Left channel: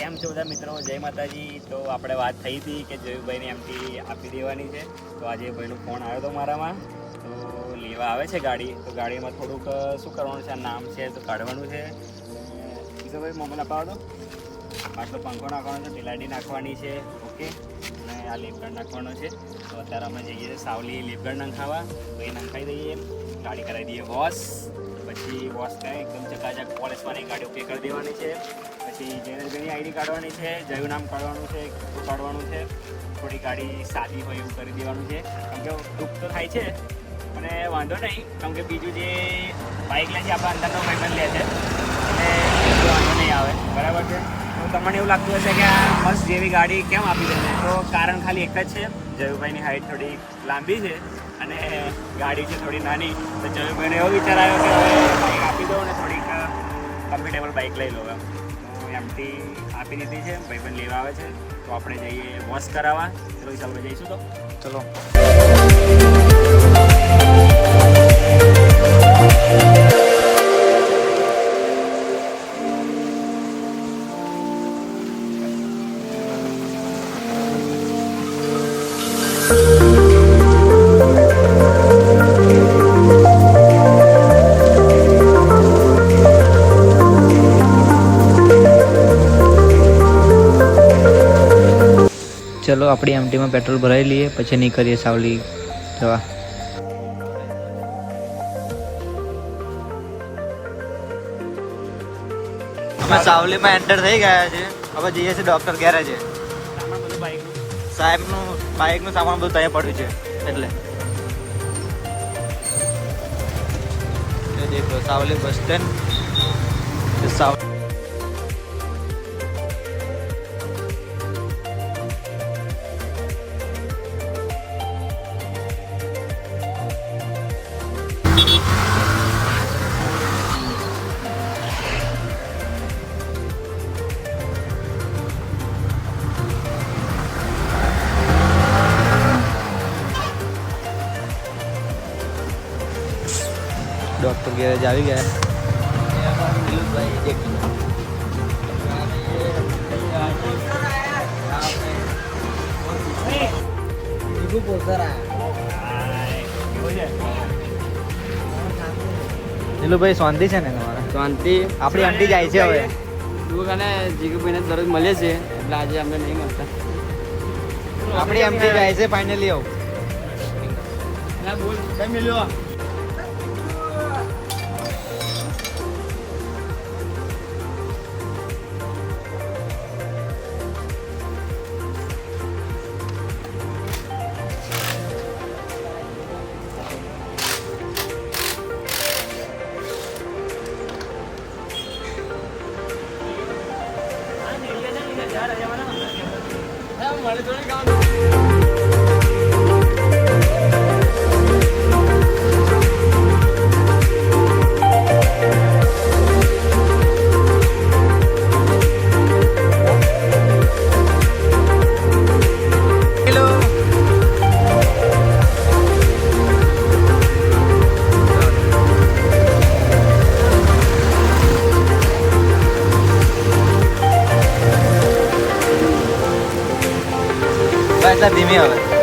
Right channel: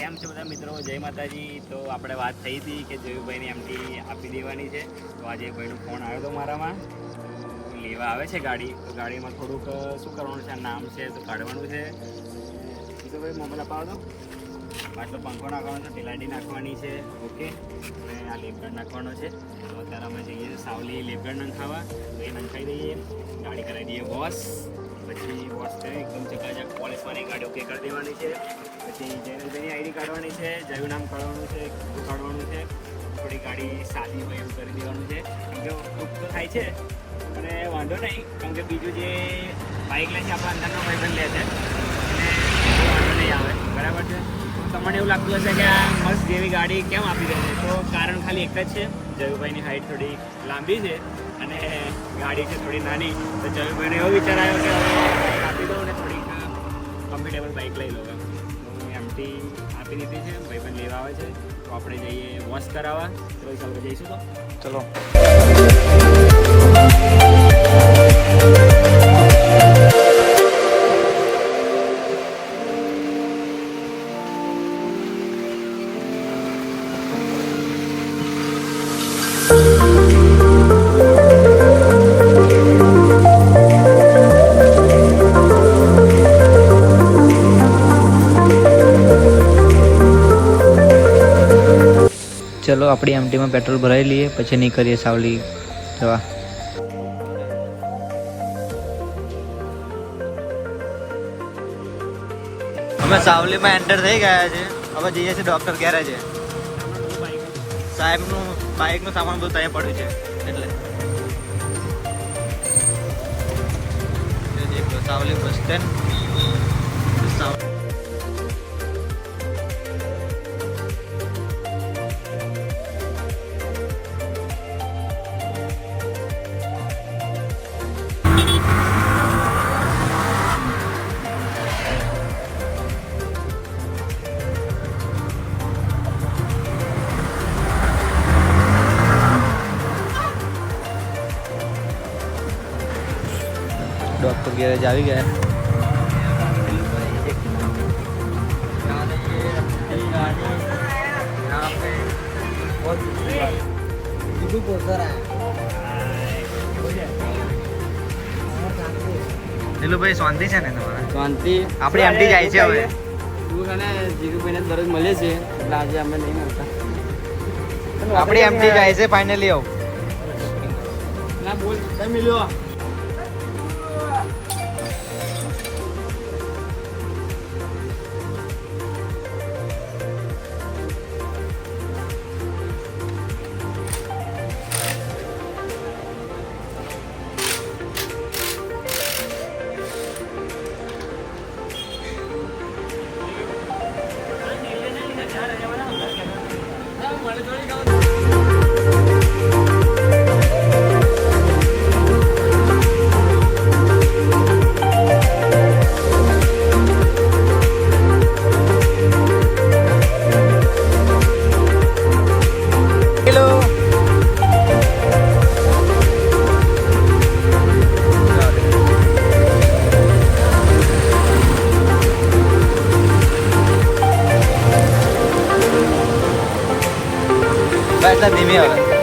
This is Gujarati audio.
કેમ છો બધા મિત્રો? જય માતાજી. તો આપણે વાત થઈ હતી કે જયુભાઈને એમટી આપી દેવાની છે. તો આજે ભાઈનો ફોન આવ્યો હતો મારામાં, તો લેવા આવે છે ગાડી. તો ગાડીમાં થોડુંક શું કરવાનું છે, નામ છે તો કાઢવાનું છે. કીધો ભાઈ મોબાઈલ અપાવો તો આટલો પંખો નાખવાનો છે, તેલાડી નાખવાની છે, ઓકે, અને આ લેપગાર્ડ નાખવાનો છે. તો અત્યારે અમે જઈએ સાવલી લેપગાર્ડ નંખાવા. તો એ નંખાઈ દઈએ, ગાડી કરાવી દઈએ વોશ. પછી વોશ કરી એકદમ ચકાચક પોલિશવાળી ગાડી ઓકે કરી દેવાની છે. પછી જયરાજભાઈની આઈડી કાઢવાની છે, જયું નામ કાઢવાનું છે, બધું કાઢવાનું છે. થોડી ગાડી સાદી હોય એવું કરી દેવાનું છે. કેમ કે દુઃખ તો થાય છે અને વાંધો નહીં, કેમ કે બીજું જે બાઇક લે છે આપણા અંદરનો ભાઈબંધ લે છે, એટલે વાંધો નહીં આવે, બરાબર છે. તો તમને એવું લાગતું હશે કે આ મસ્ત જેવી ગાડી કેમ આપી દે છે, તો કારણ ખાલી એક જ છે, જયુભાઈની હાઈટ થોડી લાંબી છે અને ગાડી છે થોડી નાની. તો જયુભાઈને એવો વિચાર આવ્યો કે હવે બાઇક આપી દો અને થોડીક કમ્ફર્ટેબલ બાઇક લઈ લો. એમટી આપી દીધી છે, ભાઈબંધ લેવા આવે છે. તો આપણે જઈએ વોશ કરાવવા. ચલો ચાલો જઈશું. તો ચલો. ચલો આપણી એમટીમાં પેટ્રોલ ભરાઈ લઈએ, પછી નીકળીએ સાવલી જવા. અમે સાવલીમાં એન્ટર થઈ ગયા છે. હવે જઈએ છીએ ડૉક્ટર ગેરેજે. સાહેબનું બાઇકનું સામાન બધું ત્યાં પડ્યું છે, એટલે દેખો Savli bus stand. Doctor garage आ गया है. ભાઈ શાંતિ છે ને તમારે? શાંતિ. આપણી એમટી જાય છે હવે. તું કને જીગુભાઈને દરરોજ મળીએ છીએ, એટલે આજે અમે નહીં મળતા. આપણી એમટી જાય છે ફાઇનલી. આવ ના બોલ, કઈ મળ્યો? ધીમી આવે.